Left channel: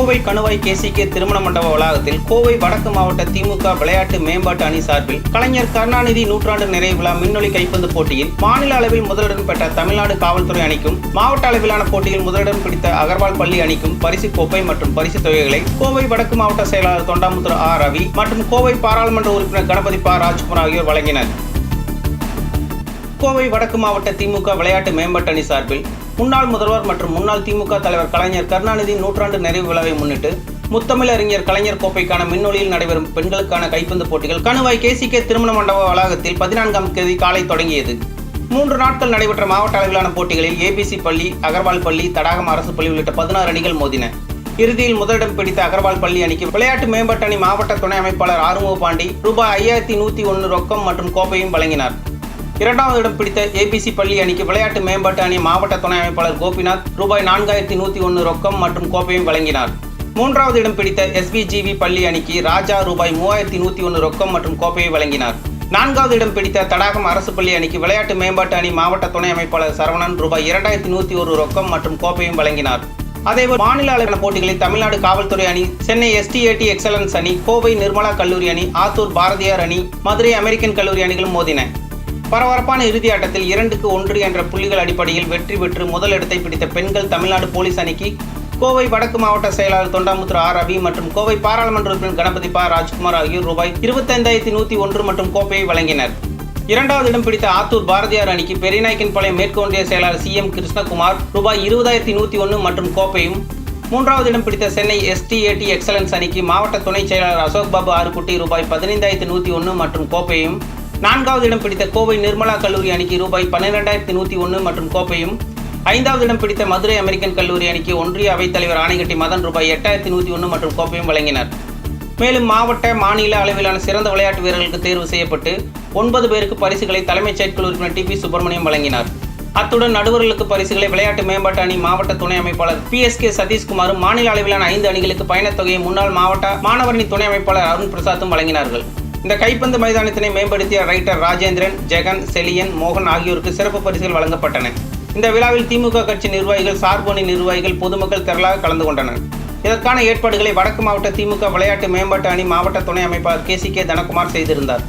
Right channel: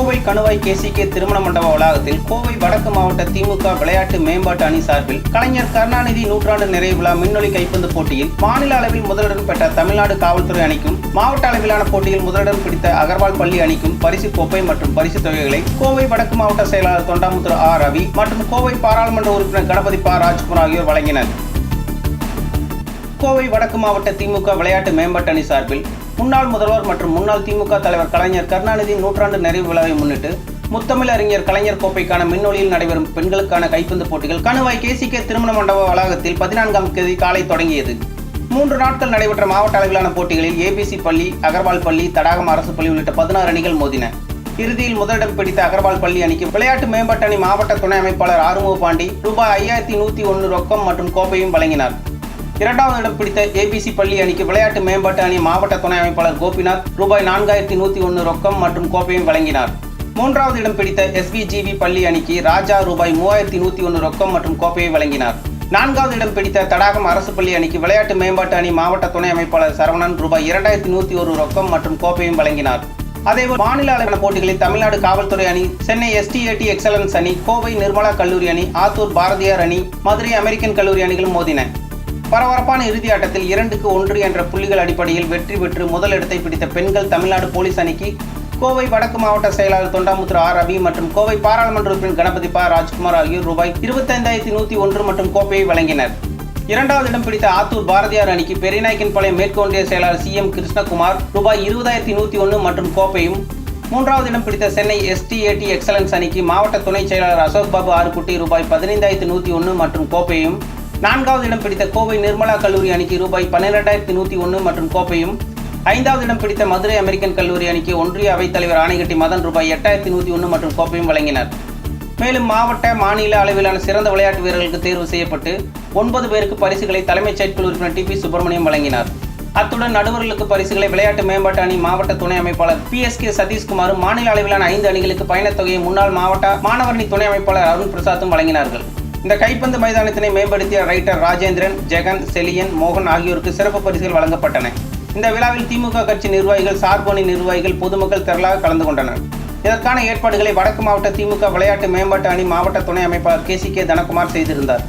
கோவை கணுவாய் கேசிகே திருமண மண்டப வளாகத்தில் கோவை வடக்கு மாவட்ட திமுக விளையாட்டு மேம்பாட்டு அணி சார்பில் கலைஞர் கருணாநிதி நூற்றாண்டு நிறைவு விழா மின்னொலி கைப்பந்து போட்டியில் மாநில அளவில் முதலிடம் பெற்ற தமிழ்நாடு காவல்துறை அணிக்கும் மாவட்ட அளவிலான போட்டியில் முதலிடம் பிடித்த அகர்வால் பள்ளி அணிக்கும் பரிசு கோப்பை மற்றும் பரிசு தொகைகளை கோவை வடக்கு மாவட்ட செயலாளர் தொண்டாமுத்துரு ஆர் ரவி மற்றும் கோவை பாராளுமன்ற உறுப்பினர் கணபதி பா ராஜ்குமார் ஆகியோர் வழங்கினர். கோவை வடக்கு மாவட்ட திமுக விளையாட்டு மேம்பாட்டு அணி சார்பில் முன்னாள் முதல்வர் மற்றும் முன்னாள் திமுக தலைவர் கலைஞர் கருணாநிதி நூற்றாண்டு நிறைவு விழாவை முன்னிட்டு முத்தமிழறிஞர் கலைஞர் கோப்பைக்கான மின்னொலியில் நடைபெறும் பெண்களுக்கான கைப்பந்து போட்டிகள். கணுவாய் கேசிகே திருமண மண்டப வளாகத்தில் பதினான்காம் தேதி காலை தொடங்கியது. மூன்று நாட்கள் நடைபெற்ற மாவட்ட அளவிலான போட்டிகளில் ஏபிசி பள்ளி அகர்வால் பள்ளி தடாகம் அரசு பள்ளி உள்ளிட்ட பதினாறு அணிகள் மோதின. இறுதியில் முதலிடம் பிடித்த அகர்வால் பள்ளி அணிக்கு விளையாட்டு மேம்பாட்டு அணி மாவட்ட துணை அமைப்பாளர் ஆறுமுக பாண்டி ரூபாய் ஐயாயிரத்தி நூற்றி ஒன்று ரொக்கம் மற்றும் கோப்பையும் வழங்கினார். இரண்டாவது இடம் பிடித்த ஏபிசி பள்ளி அணிக்கு விளையாட்டு மேம்பாட்டு அணி மாவட்ட துணை அமைப்பாளர் கோபிநாத் ரூபாய் நான்காயிரத்தி நூற்றி ஒன்று ரொக்கம் மற்றும் கோப்பையும் வழங்கினார். மூன்றாவது இடம் பிடித்த எஸ்பிஜிவி பள்ளி அணிக்கு ராஜா ரூபாய் மூவாயிரத்தி நூற்றி ஒன்று ரொக்கம் மற்றும் கோப்பையை வழங்கினார். நான்காவது இடம் பிடித்த தடாகம் அரசு பள்ளி அணிக்கு விளையாட்டு மேம்பாட்டு அணி மாவட்ட துணை அமைப்பாளர் சரவணன் ரூபாய் இரண்டாயிரத்தி நூற்றி ஒரு ரொக்கம் மற்றும் கோப்பையும் வழங்கினார். அதேபோல் மாநில அளவிலான போட்டிகளில் தமிழ்நாடு காவல்துறை அணி சென்னை எஸ்டிஏடி எக்ஸலன்ஸ் அணி கோவை நிர்மலா கல்லூரி அணி ஆத்தூர் பாரதியார் அணி மதுரை அமெரிக்கன் கல்லூரி அணிகளும் மோதின. பரபரப்பான இறுதி ஆட்டத்தில் இரண்டுக்கு ஒன்று என்ற புள்ளிகள் அடிப்படையில் வெற்றி பெற்று முதலிடத்தை பிடித்த பெண்கள் தமிழ்நாடு போலீஸ் அணிக்கு கோவை வடக்கு மாவட்ட செயலாளர் தொண்டாமுத்துரு ஆர். ரவி மற்றும் கோவை பாராளுமன்ற உறுப்பினர் கணபதி பா. ராஜ்குமார் ஆகியோர் ரூபாய் இருபத்தைந்தாயிரத்தி நூற்றி ஒன்று மற்றும் கோப்பையை வழங்கினர். இரண்டாவது இடம் பிடித்த ஆத்தூர் பாரதியார் அணிக்கு பெரியநாயக்கன்பாளையம் மேற்கு ஒன்றிய செயலாளர் சி. எம். கிருஷ்ணகுமார் ரூபாய் இருபதாயிரத்தி நூற்றி ஒன்று மற்றும் கோப்பையும் மூன்றாவது இடம் பிடித்த சென்னை எஸ்டிஏடி எக்ஸலன்ஸ் அணிக்கு மாவட்ட துணை செயலாளர் அசோக் பாபு ஆறுக்குட்டி ரூபாய் பதினைந்தாயிரத்தி நூற்றி ஒன்று மற்றும் கோப்பையும் நான்காவது இடம் பிடித்த கோவை நிர்மலா கல்லூரி அணிக்கு ரூபாய் பன்னிரெண்டாயிரத்தி நூற்றி ஒன்று மற்றும் கோப்பையும். ஐந்தாவது இடம் பிடித்த மதுரை அமெரிக்கன் கல்லூரி அணிக்கு ஒன்றிய அவைத்தலைவர் ஆணைக்கட்டி மதன் ரூபாய் எட்டாயிரத்தி நூற்றி ஒன்று மற்றும் கோப்பையும் வழங்கினர். மேலும் மாவட்ட மாநில அளவிலான சிறந்த விளையாட்டு வீரர்களுக்கு தேர்வு செய்யப்பட்டு ஒன்பது பேருக்கு பரிசுகளை தலைமைச் செயற்குழு உறுப்பினர் டி பி சுப்பிரமணியம் வழங்கினார். அத்துடன் நடுவர்களுக்கு பரிசுகளை விளையாட்டு மேம்பாட்டு அணி மாவட்ட துணை அமைப்பாளர் பி எஸ் கே சதீஷ்குமாரும் மாநில அளவிலான ஐந்து அணிகளுக்கு பயணத் தொகையை முன்னாள் மாவட்ட மாணவரணி துணை அமைப்பாளர் அருண் பிரசாத்தும் வழங்கினார்கள். இந்த கைப்பந்து மைதானத்தினை மேம்படுத்திய ரைட்டர் ராஜேந்திரன் ஜெகன் செலியன் மோகன் ஆகியோருக்கு சிறப்பு பரிசுகள் வழங்கப்பட்டன. இந்த விழாவில் திமுக கட்சி நிர்வாகிகள் சார்பணி நிர்வாகிகள் பொதுமக்கள் திரளாக கலந்து கொண்டனர். இதற்கான ஏற்பாடுகளை வடக்கு மாவட்ட திமுக விளையாட்டு மேம்பாட்டு அணி மாவட்ட துணை அமைப்பாளர் கே சி கே தனகுமார் செய்திருந்தார்.